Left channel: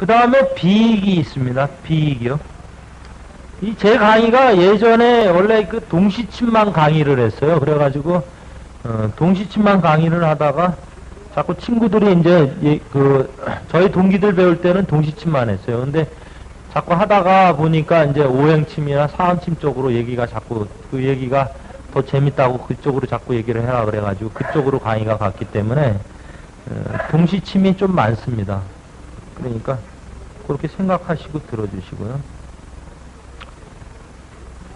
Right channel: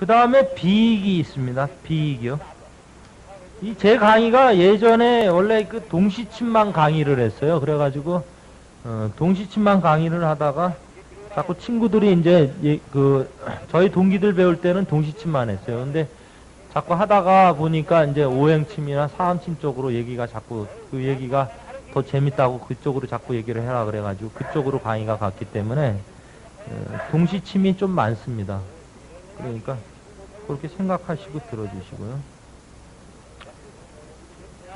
그 다음에 비익이 있습니다. 비익이요. 이 제 강의가 예전에 원래 그 동시침만 강의를 했어요. 그래가지고 동시침만 강의를 하다가 자꾸 친구들이 이제 저희 동기들 배울 때는 동시침만 했어요. 근데 자꾸 하다가 보니까 이제 오행침이나 사원침 쪽으로 얘기가 자꾸 그 얘기가 더 재밌다고 그쪽으로 자꾸 얘기를 해라 그래가지고 그쪽으로 강의가 갔기 때문에 동시침이 좀 많습니다. 그러니까 그렇게 생각하시고 들어주시고요.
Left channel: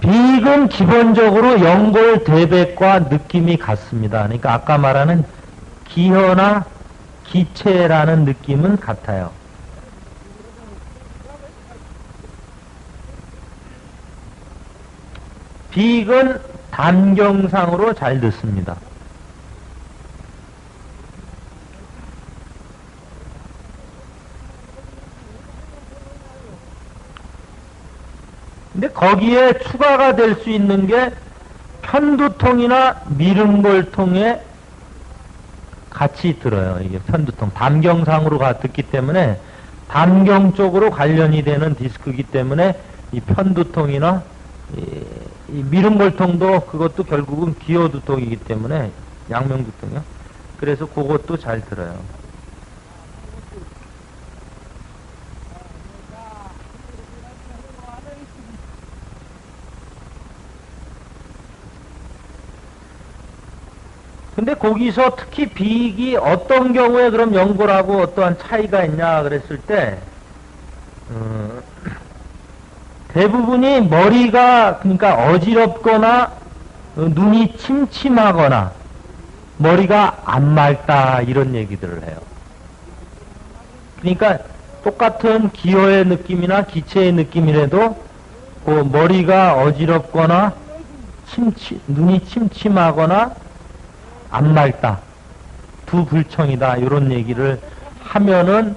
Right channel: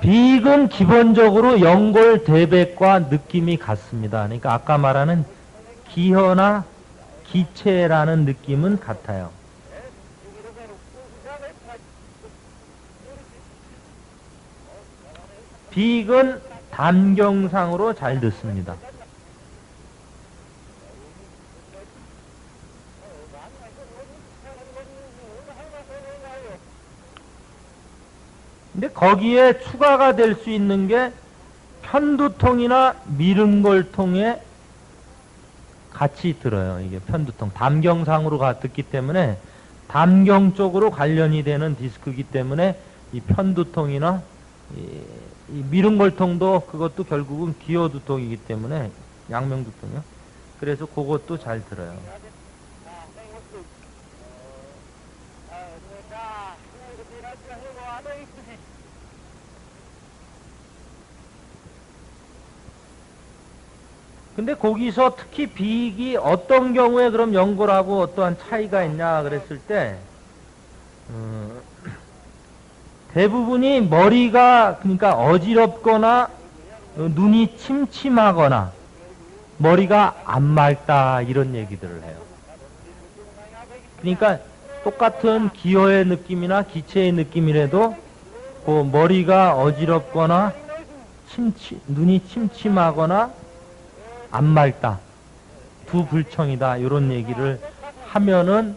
비익은 기본적으로 연골 대백과 느낌이 같습니다. 그러니까 아까 말하는 기허나 기체라는 느낌은 같아요. 비익은 단경상으로 잘 듣습니다. 근데 거기에 추가가 될 수 있는 게 편두통이나 미름골통에 같이 들어요. 이게 편두통. 담경상으로 듣기 때문에 담경 쪽으로 관련이 되는 디스크이기 때문에 이 편두통이나 이 미름골통도 그것도 결국은 기어두통이기 때문에 양명두통이요. 그래서 그것도 잘 들어요. 근데 거기서 특히 비익이 어떤 경우에 그럼 연골하고 어떠한 차이가 있냐 그랬을 때 대부분이 머리가 그러니까 어지럽거나 눈이 침침하거나 머리가 안 맑다 이런 얘기들을 해요. 그러니까 똑같은 기어의 느낌이나 기체의 느낌이라도 그 머리가 어지럽거나 눈이 침침하거나 안 맑다, 두 불청이다 이런 얘기를 하면은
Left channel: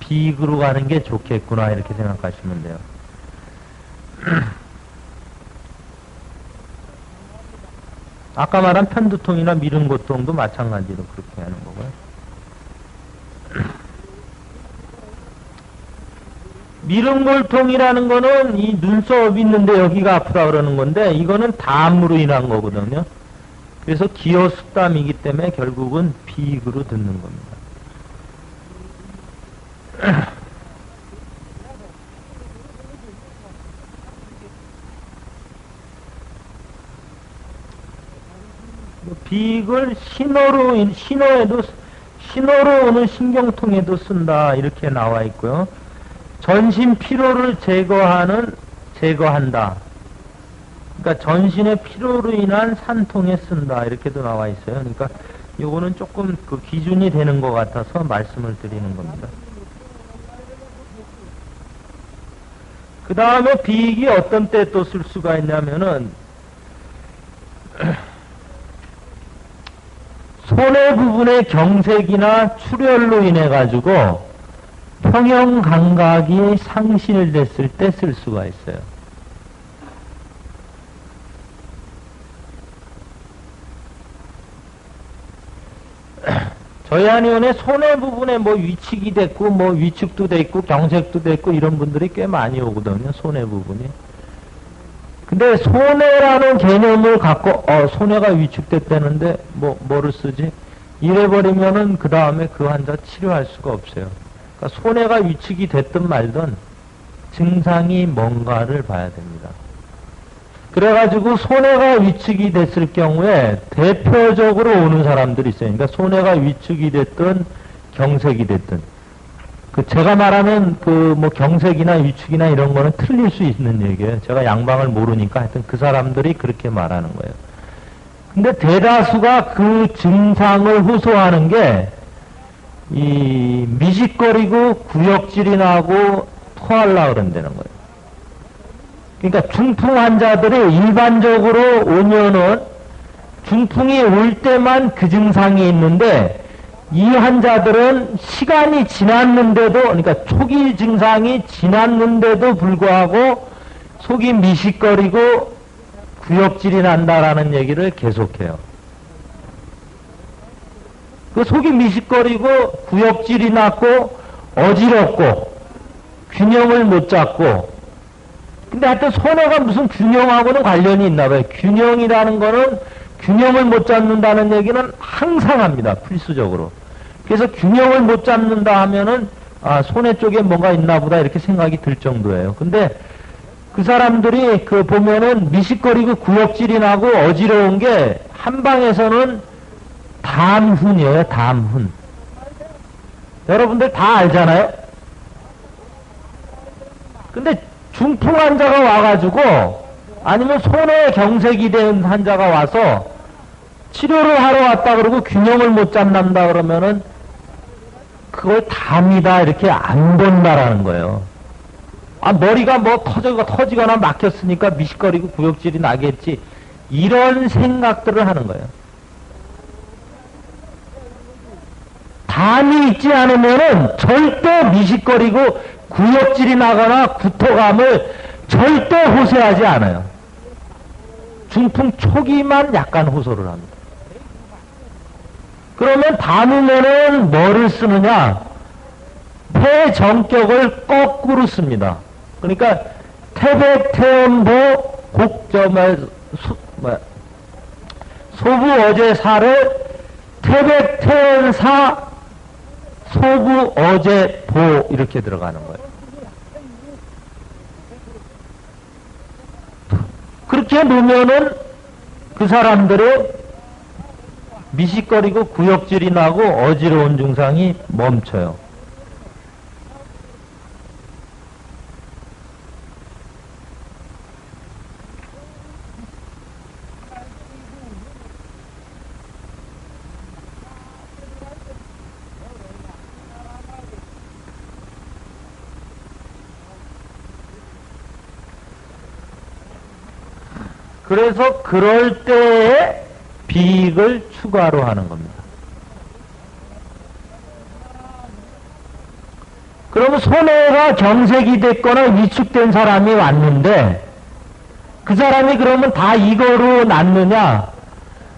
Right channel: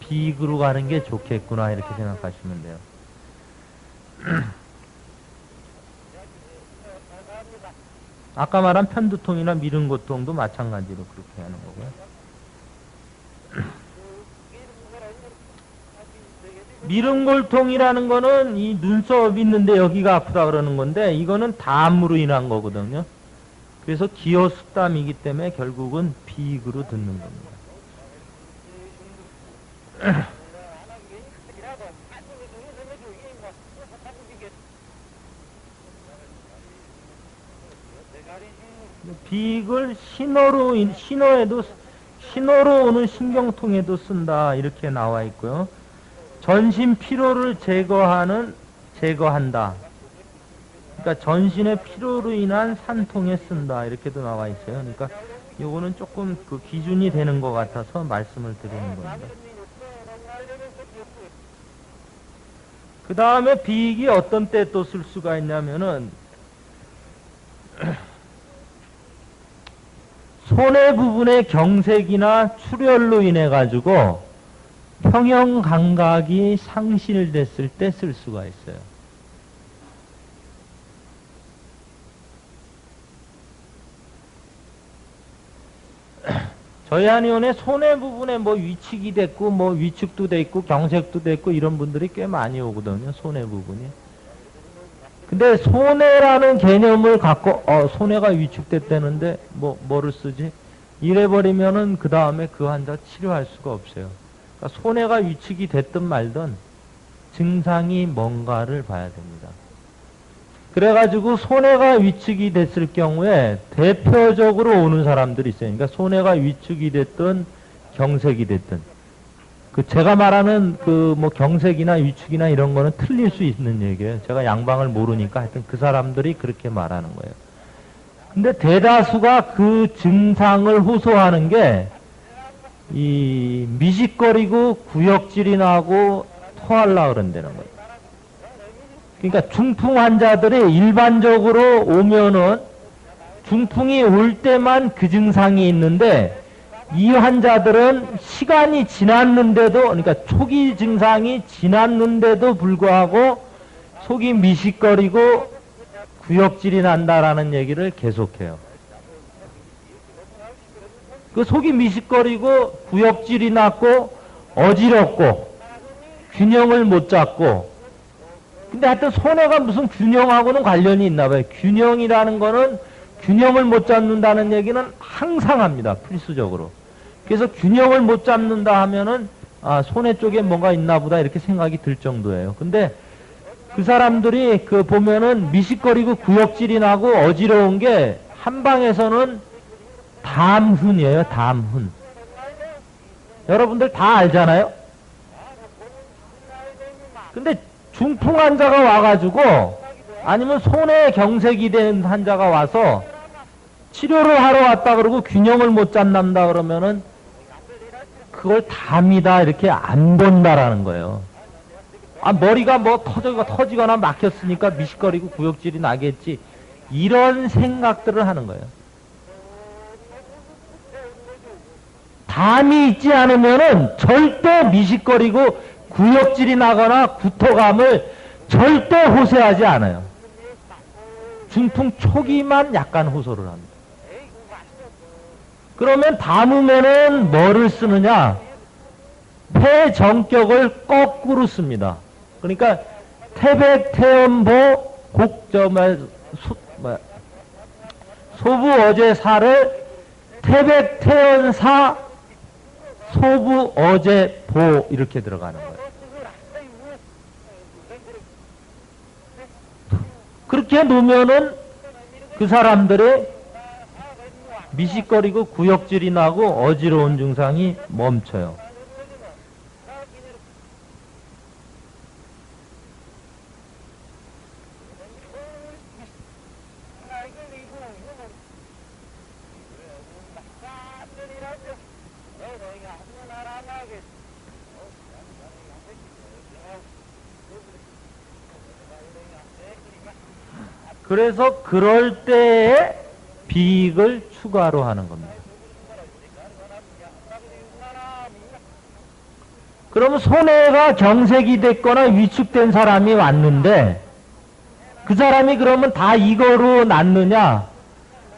비익으로 가는 게 좋겠구나 이렇게 생각하시면 돼요. 아까 말한 편두통이나 미름고통도 마찬가지로 그렇게 하는 거고요. 미름골통이라는 거는 이 눈썹 있는데 여기가 아프다 그러는 건데 이거는 담으로 인한 거거든요. 그래서 기어 숙담이기 때문에 결국은 비익으로 듣는 겁니다. 비익을 신호로 오는 신경통에도 쓴다 이렇게 나와 있고요. 전신 피로를 제거한다. 그러니까 전신의 피로로 인한 산통에 쓴다 이렇게도 나와 있어요. 그러니까 요거는 조금 그 기준이 되는 것 같아서 말씀을 드리는 겁니다. 그 다음에 비익이 어떤 때 또 쓸 수가 있냐면은 손의 부분의 경색이나 출혈로 인해 가지고 평형 감각이 상실됐을 때 쓸 수가 있어요. 저희 한의원에 손의 부분에 뭐 위축이 됐고 뭐 위축도 됐고 경색도 됐고 이런 분들이 꽤 많이 오거든요. 손의 부분이. 근데 손해라는 개념을 갖고 손해가 위축됐다는데 뭐를 쓰지? 이래버리면은 그 다음에 그 환자 치료할 수가 없어요. 그러니까 손해가 위축이 됐든 말든 증상이 뭔가를 봐야 됩니다. 그래가지고 손해가 위축이 됐을 경우에 대표적으로 오는 사람들이 있어요. 그러니까 손해가 위축이 됐든 경색이 됐든 그 제가 말하는 그 뭐 경색이나 위축이나 이런 거는 틀릴 수 있는 얘기예요. 제가 양방을 모르니까 하여튼 그 사람들이 그렇게 말하는 거예요. 근데 대다수가 그 증상을 호소하는 게 이 미식거리고 구역질이 나고 토하려고 그런다는 거예요. 그러니까 중풍 환자들이 일반적으로 오면은 중풍이 올 때만 그 증상이 있는데 이 환자들은 시간이 지났는데도 그러니까 초기 증상이 지났는데도 불구하고 속이 미식거리고 구역질이 난다라는 얘기를 계속해요. 그 속이 미식거리고 구역질이 났고 어지럽고 균형을 못 잡고, 근데 하여튼 손해가 무슨 균형하고는 관련이 있나 봐요. 균형이라는 거는 균형을 못 잡는다는 얘기는 항상 합니다. 필수적으로. 그래서 균형을 못 잡는다 하면은 아, 손해 쪽에 뭔가 있나 보다 이렇게 생각이 들 정도예요. 근데 그 사람들이 그 보면은 미식거리고 구역질이 나고 어지러운 게 한방에서는 담훈이에요. 담훈. 여러분들 다 알잖아요. 근데 중풍 환자가 와가지고 아니면 손에 경색이 된 환자가 와서 치료를 하러 왔다 그러고 균형을 못 잡는다 그러면은 그걸 담이다 이렇게 안 된다라는 거예요. 아, 머리가 뭐 터지거나 막혔으니까 미식거리고 구역질이 나겠지. 이런 생각들을 하는 거예요. 담이 있지 않으면은 절대 미식거리고 구역질이 나거나 구토감을 절대 호소하지 않아요. 중풍 초기만 약간 호소를 합니다. 그러면 담으면은 뭐를 쓰느냐? 폐 정격을 거꾸로 씁니다. 그러니까 태백태음보 곡점을 소부 어제사를 태백태음사 소부 어제보 이렇게 들어가는 거예요. 그렇게 놓으면은 그 사람들의 미식거리고 구역질이 나고 어지러운 증상이 멈춰요. 그래서 그럴 때에 비익을 추가로 하는 겁니다. 그러면 손해가 경색이 됐거나 위축된 사람이 왔는데 그 사람이 그러면 다 이거로 낫느냐?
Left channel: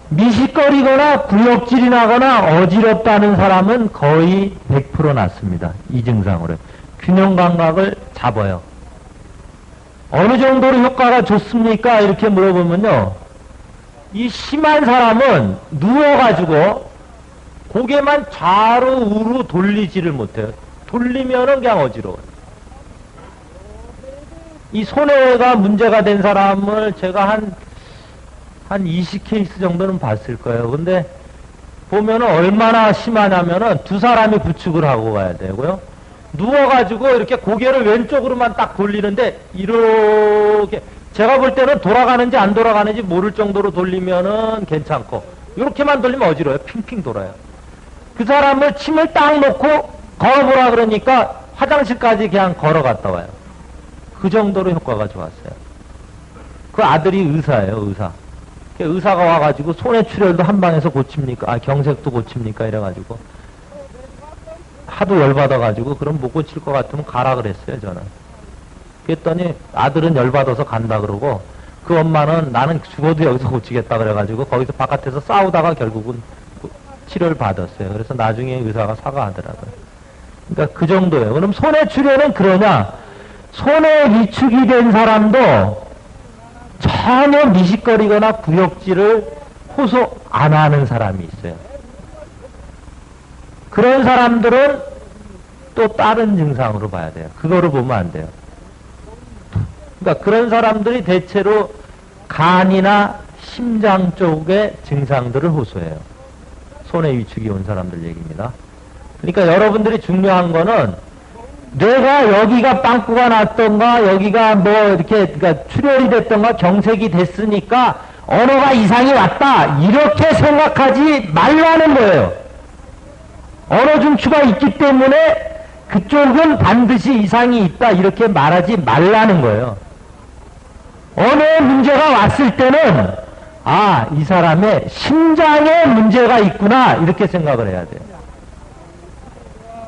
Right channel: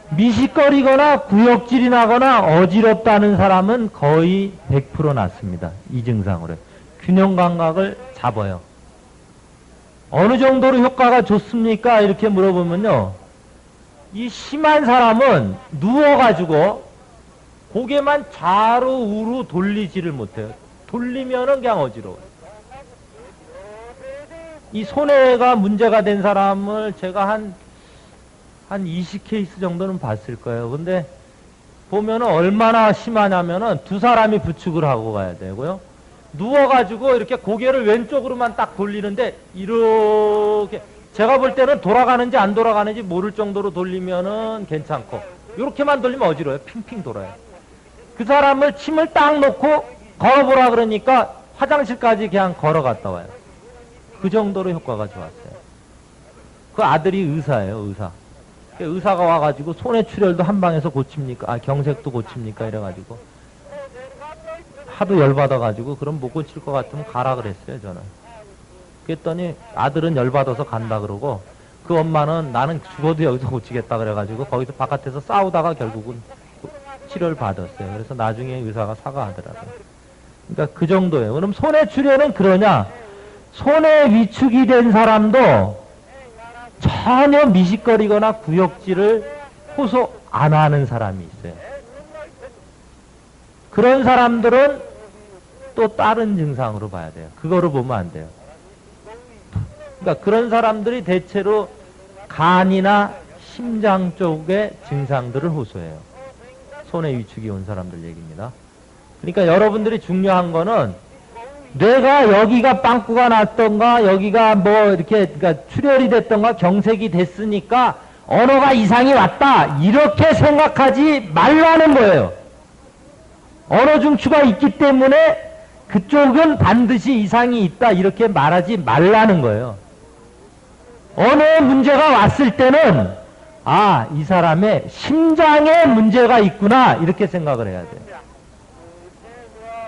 미식거리거나 구역질이 나거나 어지럽다는 사람은 거의 100% 낫습니다. 이 증상으로. 균형 감각을 잡아요. 어느 정도로 효과가 좋습니까? 이렇게 물어보면요. 이 심한 사람은 누워가지고 고개만 좌로 우로 돌리지를 못해요. 돌리면은 그냥 어지러워요. 이 손해가 문제가 된 사람을 제가 한 20케이스 정도는 봤을 거예요. 근데 보면은 얼마나 심하냐면은 두 사람이 부축을 하고 가야 되고요. 누워가지고 이렇게 고개를 왼쪽으로만 딱 돌리는데 이렇게 제가 볼 때는 돌아가는지 안 돌아가는지 모를 정도로 돌리면은 괜찮고 이렇게만 돌리면 어지러워요. 핑핑 돌아요. 그 사람을 침을 딱 놓고 걸어보라 그러니까 화장실까지 그냥 걸어갔다 와요. 그 정도로 효과가 좋았어요. 그 아들이 의사예요. 의사. 의사가 와가지고 손해출혈도 한 방에서 고칩니까? 아, 경색도 고칩니까? 이래가지고 하도 열받아가지고 그럼 못 고칠 것 같으면 가라 그랬어요. 저는. 그랬더니 아들은 열받아서 간다 그러고 그 엄마는 나는 죽어도 여기서 고치겠다 그래가지고 거기서 바깥에서 싸우다가 결국은 치료를 받았어요. 그래서 나중에 의사가 사과하더라고요. 그러니까 그 정도예요. 그럼 손해출혈은 그러냐? 손해 위축이 된 사람도 전혀 미식거리거나 구역질을 호소 안 하는 사람이 있어요. 그런 사람들은 또 다른 증상으로 봐야 돼요. 그거를 보면 안 돼요. 그러니까 그런 사람들이 대체로 간이나 심장 쪽의 증상들을 호소해요. 손해 위축이 온 사람들 얘기입니다. 그러니까 여러분들이 중요한 거는 내가 여기가 빵꾸가 났던가 여기가 뭐 이렇게 그러니까 출혈이 됐던가 경색이 됐으니까 언어가 이상이 왔다 이렇게 생각하지 말라는 거예요. 언어 중추가 있기 때문에 그쪽은 반드시 이상이 있다 이렇게 말하지 말라는 거예요. 언어에 문제가 왔을 때는 아, 이 사람의 심장에 문제가 있구나 이렇게 생각을 해야 돼요.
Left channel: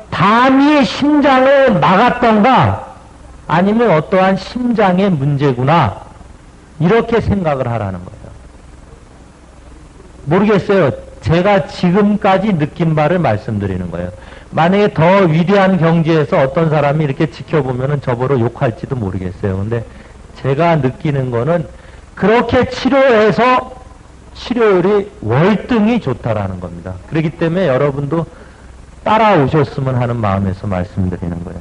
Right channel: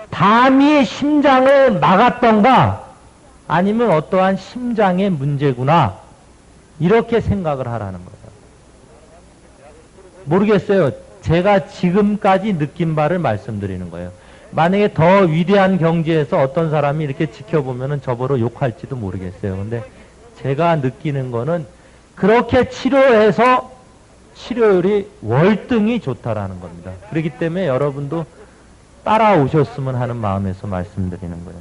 담이 심장을 막았던가 아니면 어떠한 심장의 문제구나 이렇게 생각을 하라는 거예요. 모르겠어요. 제가 지금까지 느낀 바를 말씀드리는 거예요. 만약에 더 위대한 경지에서 어떤 사람이 이렇게 지켜보면은 저보러 욕할지도 모르겠어요. 근데 제가 느끼는 거는 그렇게 치료해서 치료율이 월등히 좋다라는 겁니다. 그렇기 때문에 여러분도 따라오셨으면 하는 마음에서 말씀드리는 거예요.